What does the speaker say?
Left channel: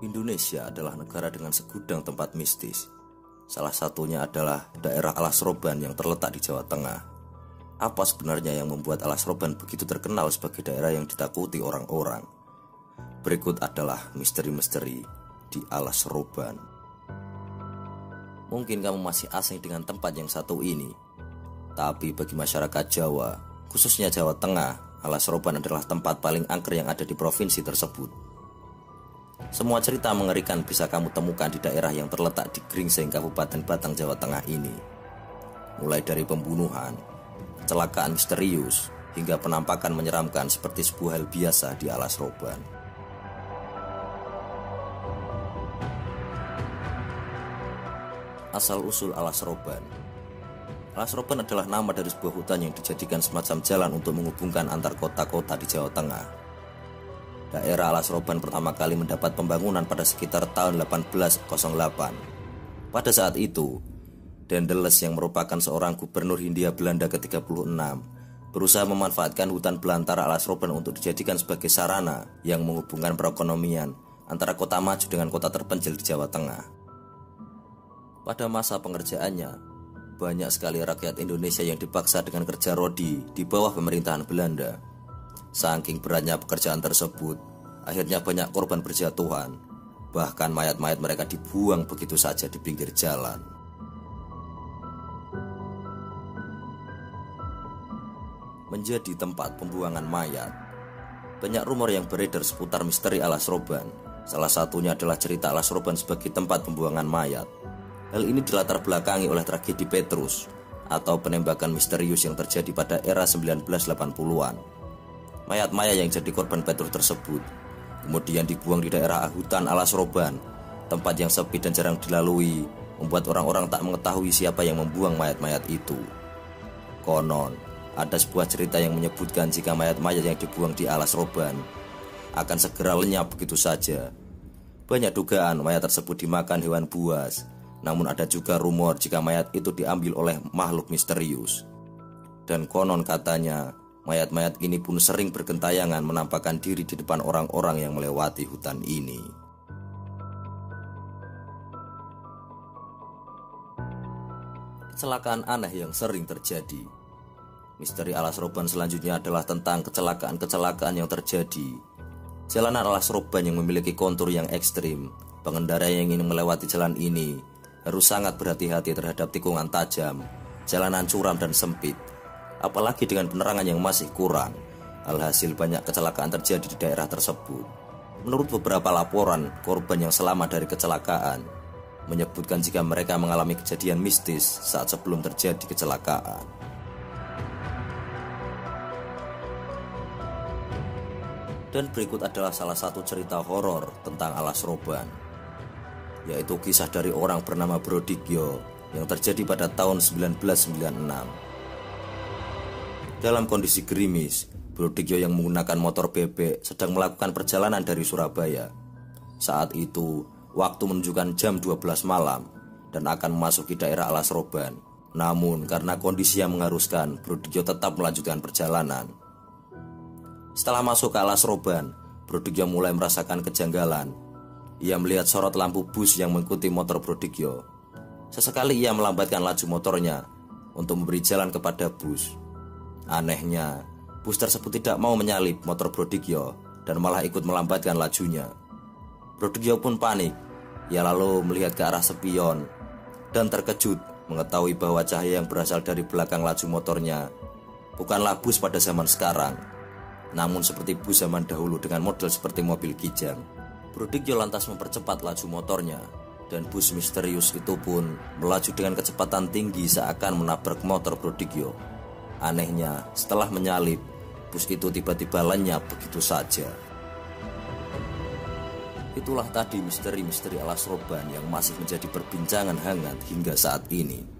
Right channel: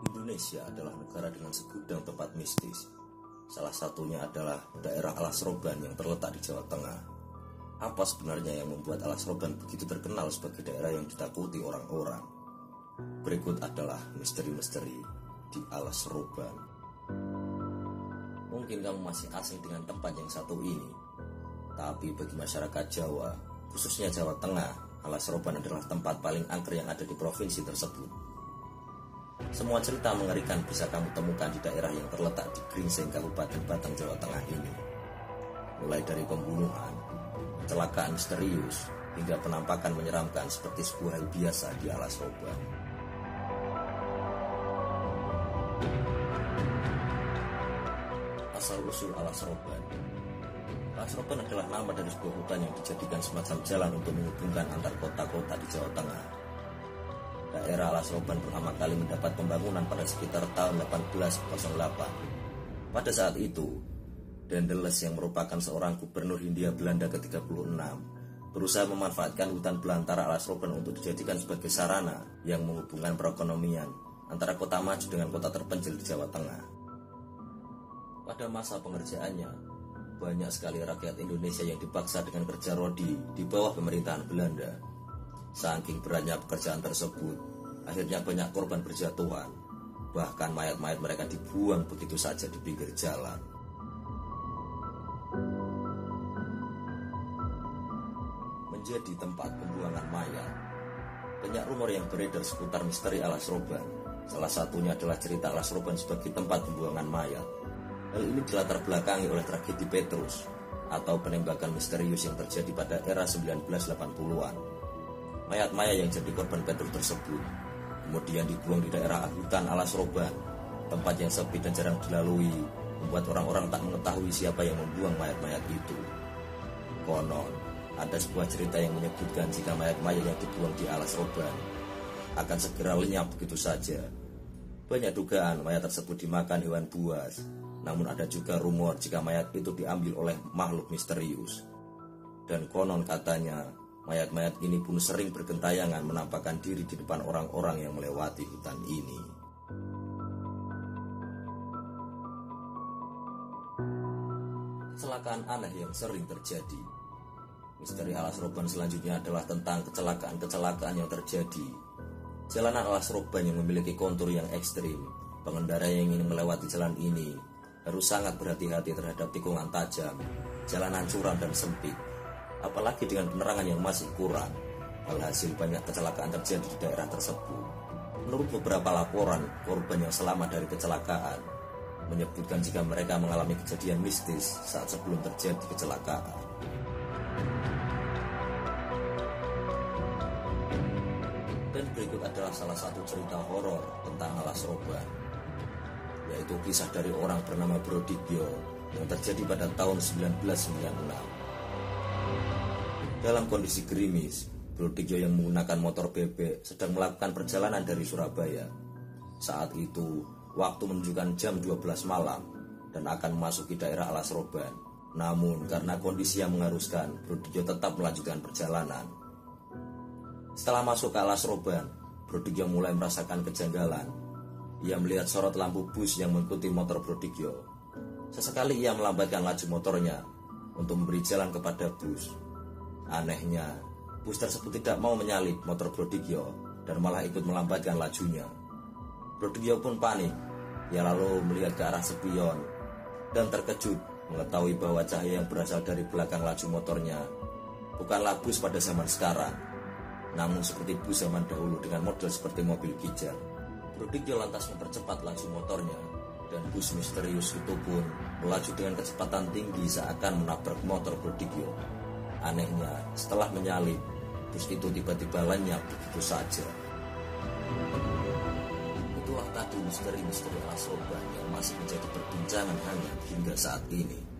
Indonesia adalah negara dengan segudang tempat mistis. Salah satunya adalah daerah Alas Roban yang terletak di Jawa Tengah. Apa sebenarnya yang membuat Alas Roban begitu terkenal sebagai daerah yang ditakuti orang-orang? Berikut adalah misteri-misteri di Alas Roban. Mungkin kamu masih asing dengan tempat yang satu ini, tapi bagi masyarakat Jawa, khususnya Jawa Tengah, Alas Roban adalah tempat paling angker yang ada di provinsi tersebut. Semua cerita mengerikan bisa kamu temukan di daerah yang terletak di Gringsing, Kabupaten Batang, Jawa Tengah ini. Mulai dari pembunuhan, kecelakaan misterius, hingga penampakan menyeramkan seperti sebuah hal biasa di Alas Roban. Asal-usul Alas Roban. Alas Roban adalah nama dari sebuah hutan yang dijadikan semacam jalan untuk menghubungkan antar kota-kota di Jawa Tengah. Daerah Alas Roban pertama kali mendapat pembangunan pada sekitar tahun 1808. Pada saat itu, Daendels yang merupakan seorang gubernur Hindia Belanda ke-36 berusaha memanfaatkan hutan belantara Alas Roban untuk dijadikan sebagai sarana yang menghubungkan perekonomian antara kota maju dengan kota terpencil di Jawa Tengah. Pada masa pengerjaannya, banyak sekali rakyat Indonesia yang dipaksa dengan kerja rodi di bawah pemerintahan Belanda. Saking beratnya pekerjaan tersebut, akhirnya banyak korban berjatuhan. Bahkan mayat-mayat mereka dibuang begitu saja di pinggir jalan. Menjadi tempat pembuangan mayat. Banyak rumor yang beredar seputar misteri Alas Roban. Salah satunya adalah cerita Alas Roban sebagai tempat pembuangan mayat. Hal ini dilatar belakangi oleh tragedi Petrus atau penembakan misterius yang terjadi pada era 1980-an. Mayat-mayat yang jadi korban Petrus tersebut kemudian dibuang di daerah hutan Alas Roban, tempat yang sepi dan jarang dilalui, membuat orang-orang tak mengetahui siapa yang membuang mayat-mayat itu. Konon, ada sebuah cerita yang menyebutkan jika mayat-mayat yang dibuang di Alas Roban akan segera lenyap begitu saja. Banyak dugaan mayat tersebut dimakan hewan buas, namun ada juga rumor jika mayat itu diambil oleh makhluk misterius. Dan konon katanya, mayat-mayat ini pun sering bergentayangan menampakkan diri di depan orang-orang yang melewati hutan ini. Kecelakaan aneh yang sering terjadi. Misteri Alas Roban selanjutnya adalah tentang kecelakaan-kecelakaan yang terjadi. Jalanan Alas Roban yang memiliki kontur yang ekstrim. Pengendara yang ingin melewati jalan ini harus sangat berhati-hati terhadap tikungan tajam, jalanan curam dan sempit, apalagi dengan penerangan yang masih kurang. Alhasil banyak kecelakaan terjadi di daerah tersebut. Menurut beberapa laporan, korban yang selamat dari kecelakaan menyebutkan jika mereka mengalami kejadian mistis saat sebelum terjadi kecelakaan. Dan berikut adalah salah satu cerita horor tentang Alas Roban, yaitu kisah dari orang bernama Brodigyo yang terjadi pada tahun 1996. Dalam kondisi gerimis, Brodigyo yang menggunakan motor bebek sedang melakukan perjalanan dari Surabaya. Saat itu, waktu menunjukkan jam 12 malam dan akan memasuki daerah Alas Roban. Namun, karena kondisi yang mengharuskan, Brodigyo tetap melanjutkan perjalanan. Setelah masuk ke Alas Roban, Brodigyo mulai merasakan kejanggalan. Ia melihat sorot lampu bus yang mengikuti motor Brodigyo. Sesekali ia melambatkan laju motornya untuk memberi jalan kepada bus. Anehnya, bus tersebut tidak mau menyalip motor Brodigyo dan malah ikut melambatkan lajunya. Brodigyo pun panik. Ia lalu melihat ke arah spion dan terkejut mengetahui bahwa cahaya yang berasal dari belakang laju motornya bukanlah bus pada zaman sekarang, namun seperti bus zaman dahulu dengan model seperti mobil kijang. Brodigyo lantas mempercepat laju motornya dan bus misterius itu pun melaju dengan kecepatan tinggi seakan menabrak motor Brodigyo. Anehnya, setelah menyalip, bus itu tiba-tiba lenyap begitu saja. Itulah tadi misteri-misteri Alas Roban yang masih menjadi perbincangan hangat hingga saat ini.